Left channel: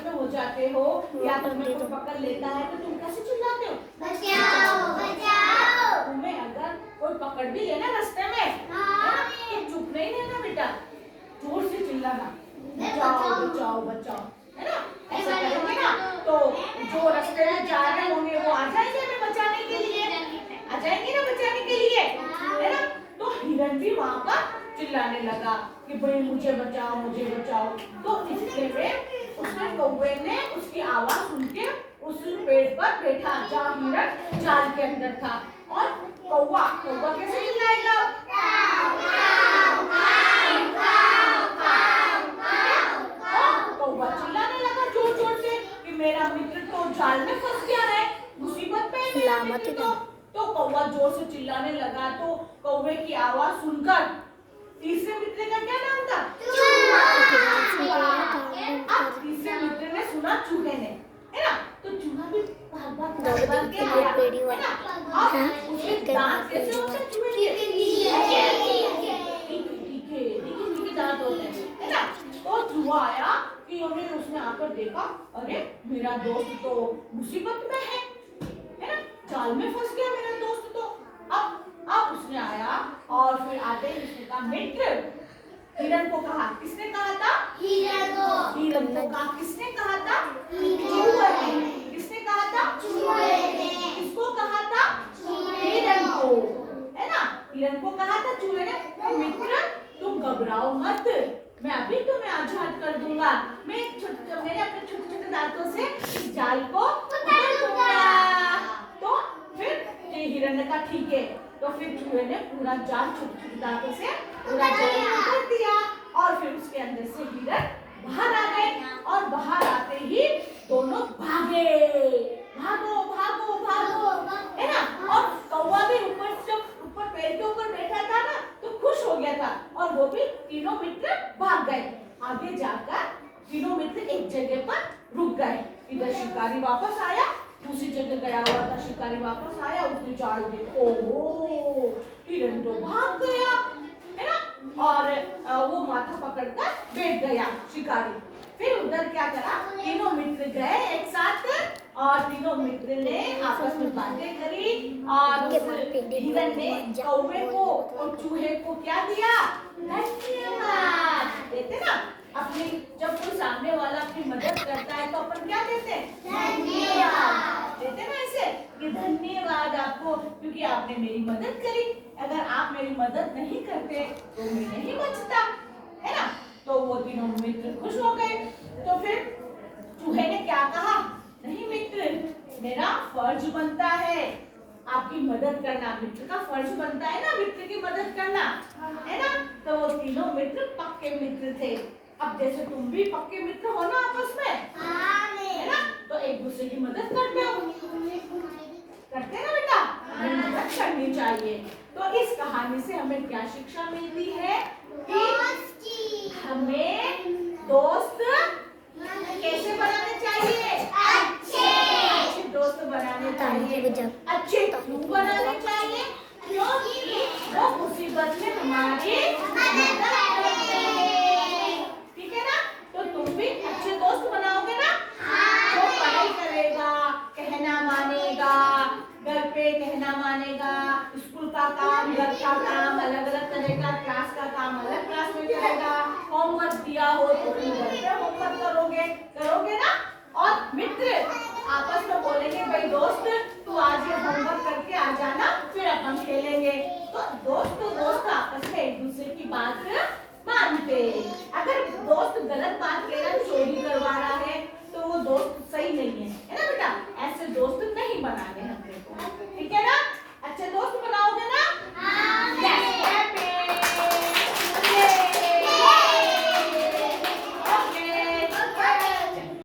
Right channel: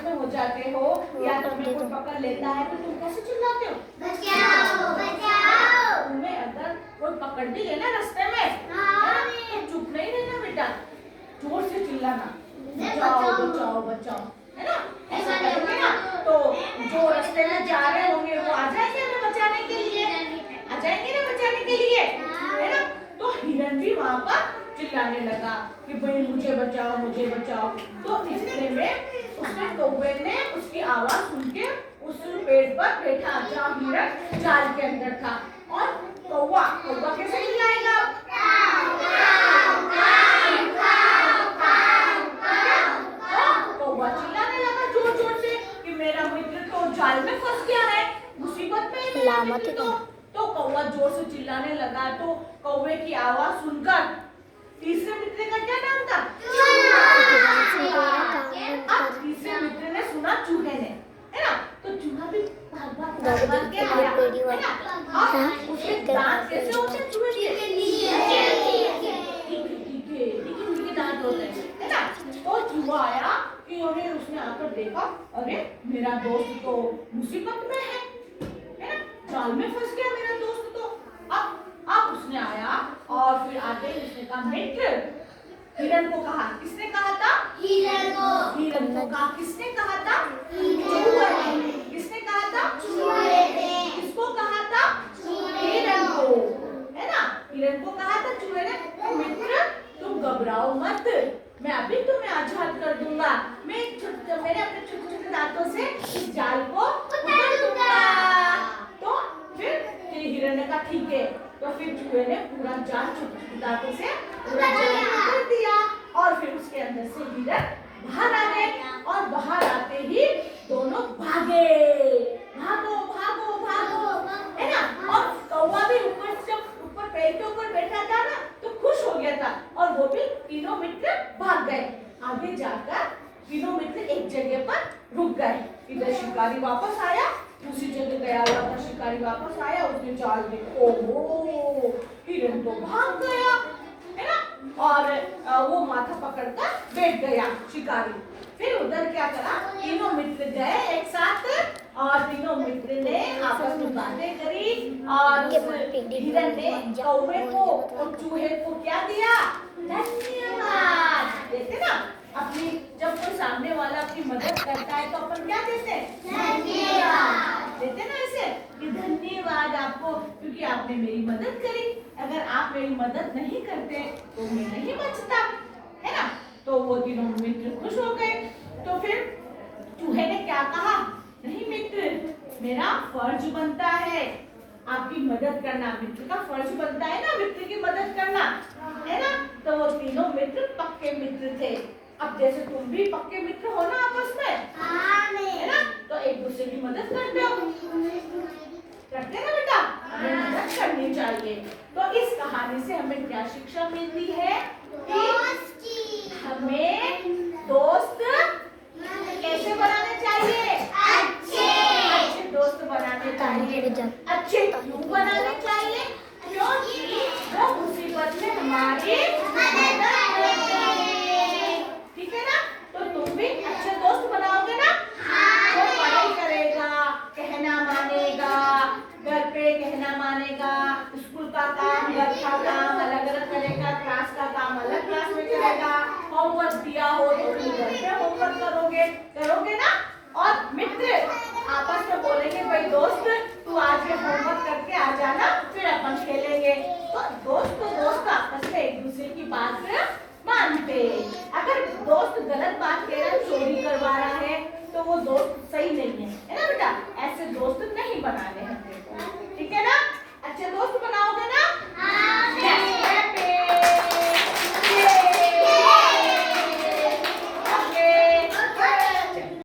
आपस में हो जाते हो या तुम्हें कोई पकड़ लेता है तो तुम कैसे चिल्लाते हो? बचाओ बचाओ। तुम्हें अगर कोई पकड़ भी लेना रास्ते में तो चुप नहीं रहना बेटा, जोर से चिल्लाना, बचाओ बचाओ बचाओ, है ना? ऐसा करेंगे ना तो जो रास्ते में जा रहे होंगे वो आ जाएंगे हमें बचाने के लिए, आ जाएंगे ना बचाने के लिए, है ना? तो हिरन भी वहाँ पर चिल्लाने लगा कि भाई मुझे बचाओ मुझे बचाओ। तो इतने में उसने कौवे ने उसकी आवाज सुन के उस पेड़ पर बैठा जहाँ हिरन जाल के अंदर था। और कौवा कौवा कैसे चिल्लाएगा? कौवा चिल्लाने लगा जोर जोर से कि मेरा मित्र तो जाल में फंस गया है, मुसीबत में है मेरा मित्र तो कौवा जोर से चिल्लाने लगा। तो कौवे की आवाज सुनकर तीसरे मित्र का क्या नाम था? अब तीसरे मित्र ने सुना चूहे ने, है ना? तो चूहा भी भाग के आया, है ना? अब उसके दांत कैसे होते हैं चूहे के? तीखे दांत होते हैं, है ना? तो चूहा आया कि उन्हें उसने आकर देखा, अरे मेरा दोस्त तो मुसीबत में है ना? जाल में फंस गया मेरा दोस्त तो। अब उसने आया और फिर आते ही उसने कहा मित्र, हिरन को कहा, किसने कहा था? हिरन को कहा, किसने कहा था? चूहे ने। किसने कहा था? चूहे ने। किसको कहा था? हिरन को, है ना? हिरन को कहा था चूहे ने, मित्र तुम घबराओ मत, मैं अभी तुम्हें आजाद कर दूंगा, मैं मेरे अपने छोटे छोटे दांतों से इस जाल को उतार दूंगा। तो फिर हिरन ने कहा ठीक है। तो फिर चूहे ने पूरा जाल छोटे छोटे दांतों से पूरा जाल उतार दिया और फिर उसके अंदर से हिरन बाहर आ गए और बाहर आते ही दोनों भागे, भागो भागो भागो, है ना? और कौवा भी ऊपर पेड़ के ऊपर बैठा था ना तो खुश हो गया था और वो भी तीनों मित्र भाग गए। आगे जाकर तीनों मित्र एक जगह पर रुक गए। इधर शिकारी वापस आया, दूसरी जगह गया हुआ था शिकारी वापस आया, उसने जाल देखो, ओहो हिरन तो भाग गया, है ना? और वो माथा पकड़कर बैठ गया शिकारी। फिर उधर क्या करा, तीनों मित्र गए एक साथ और तीनों मित्र ने आपस में बातें करी और हिरन ने कौवे को और चूहे को क्या दिया? धन्यवाद देते ना। अपनी जब कोई सामने वाला अपनी मदद करता है तो अपन क्या देते हैं? धन्यवाद देते ना, ऐसे कि धन्यवाद आपको क्योंकि आपने मेरी मदद करी, अगर आप मेरी मदद नहीं करते तो मैं नहीं बचता, है ना? तो वो तीनों मित्र खुश हो गए। तो फिर चूहे ने क्या कहा? नहीं मित्र, मेरा फर्ज बनता है आपकी मदद करना, मित्र का फर्ज बनता है ना मित्र की मदद करना, है ना? तो वो तीनों मित्र पक्के मित्र थे। अब जैसे तुम भी पक्के मित्र हो ना आपस में, है ना? तो एक दूसरे की मदद करते हो, करते ना बेटा? हमें मदद करनी चाहिए। तो इस कहानी से हमें क्या शिक्षा मिलती है कि हमें दोस्त कैसे बनाने चाहिए? अच्छे दोस्त बनाने चाहिए। अच्छे क्यों बनाने चाहिए? क्योंकि वो मुसीबत में हमारी मदद करेंगे, ठीक है ना? तो तुम भी अच्छे दोस्त बनाओगे ना? वो पढ़ाई करेगा, कहना मानेगा, घर पे कहना मानेगा, स्कूल का काम घर का काम अलग अलग करेगा, क्लास का काम अलग क्लास में करेगा, होमवर्क दिया हो तो तुम घर पे होमवर्क करोगे ना? और मित्र आपस में बोलेंगे भाई दोस्त तू आज ये होमवर्क करके आ जाना फिर अपन खेलेंगे। तो दोस्त आपस में एक दूसरे की बात मानते। अगर दोस्त गलत बात कह रहा है, चोरी करवा रहा है तो वो दोस्त सही नहीं